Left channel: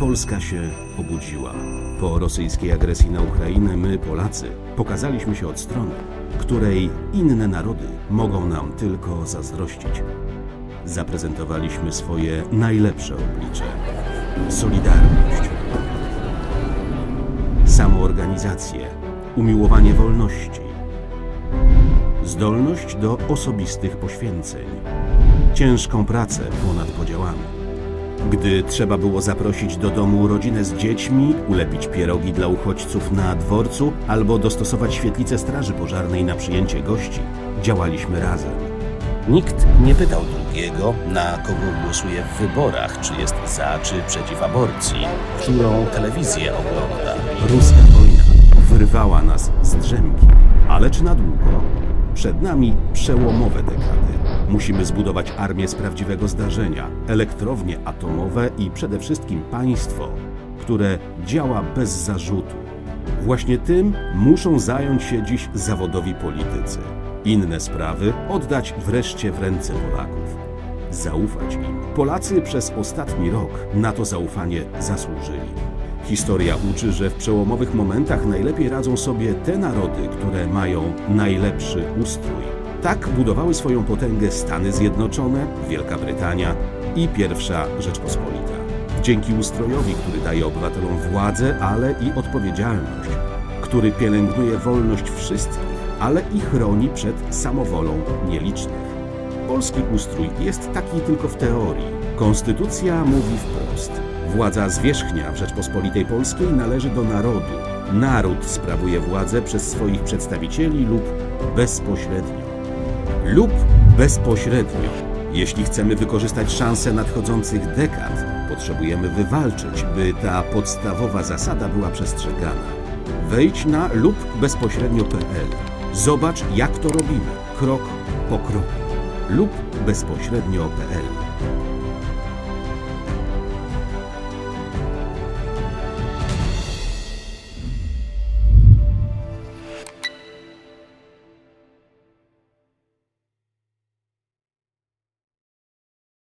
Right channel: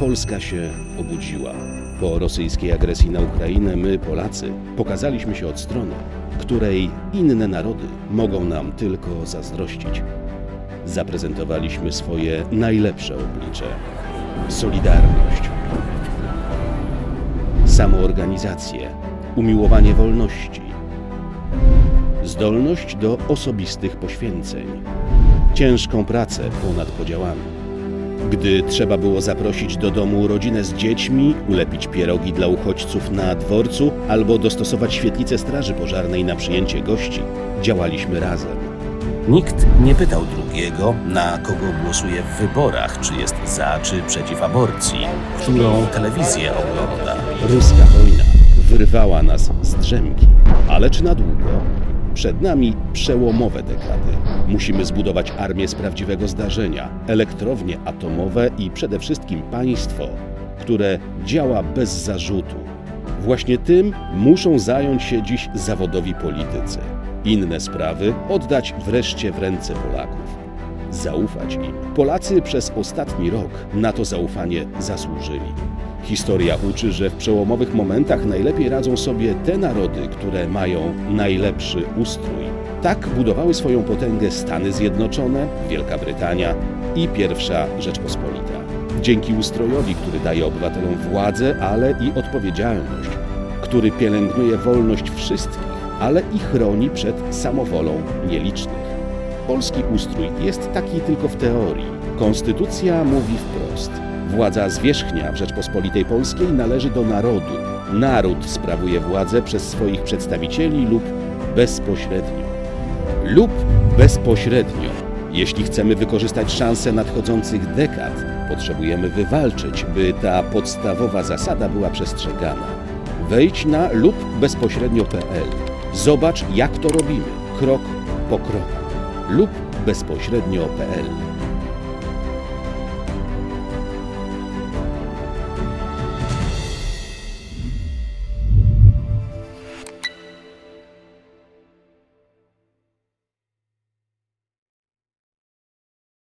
Polska się obudziła. Po rosyjskiej agresji na Ukrainę my, Polacy, pokazaliśmy się od strony, której inne narody mogą nam tylko zazdrościć. Zaprezentowaliśmy swoje najlepsze oblicze. Solidarność, samoorganizację, umiłowanie wolności, zdolność do osobistych poświęceń, ciężką pracę ponad podziałami. Gdy trzeba było zaprosić do domu rodzinę z dziećmi, ulepić pierogi dla uchodźców na dworcu albo dostosować świetlicę straży pożarnej na przyjęcie gości, działaliśmy razem. Nikt nie pytał drugiego, na kogo głosuje w wyborach, czy jest za, czy przeciw aborcji, którą telewizję ogląda. Ruska wojna wyrwała nas z drzemki, ale czy na długo? Przed nami przełomowe dekady. Musimy zbudować armię z prawdziwego zdarzenia, elektrownie atomowe i przede wszystkim państwo, które działa bez zarzutu. Właśnie tym muszą zająć się dziś zawodowi politycy. Inne sprawy oddać wreszcie w ręce Polaków. Zaufać im. Polacy przez ostatni rok na to zaufanie zasłużyli. Historia uczy, że w przełomowych momentach najlepiej radzą sobie te narody, które mają najlepszy ustrój. Tak budowały swoją potęgę Stany Zjednoczone, Wielka Brytania i Pierwsza Rzeczpospolita. Dzięki ustrojowi, który daje obywatelom władzę, ale i odpowiedzialność, który pielęgnuje wolność wszystkich, ale i chroni przed samowolą nielicznych. Polski ustrój jest taki tylko w teorii. Konstytucja mówi wprost. Władza zwierzchnia w Rzeczpospolitej Polskiej należy do narodu. Naród sprawuje władzę przez swoich przedstawicieli lub bezpośrednio. Lub bezpośrednio. Jeśli chcemy wykorzystać szanse nadchodzących dekad, potrzebujemy wywalczyć, by ta podstawowa zasada była przestrzegana. Wejdź na lub bezpośrednio.pl. Zobacz, jak to robimy, krok po kroku. lub bezpośrednio.pl.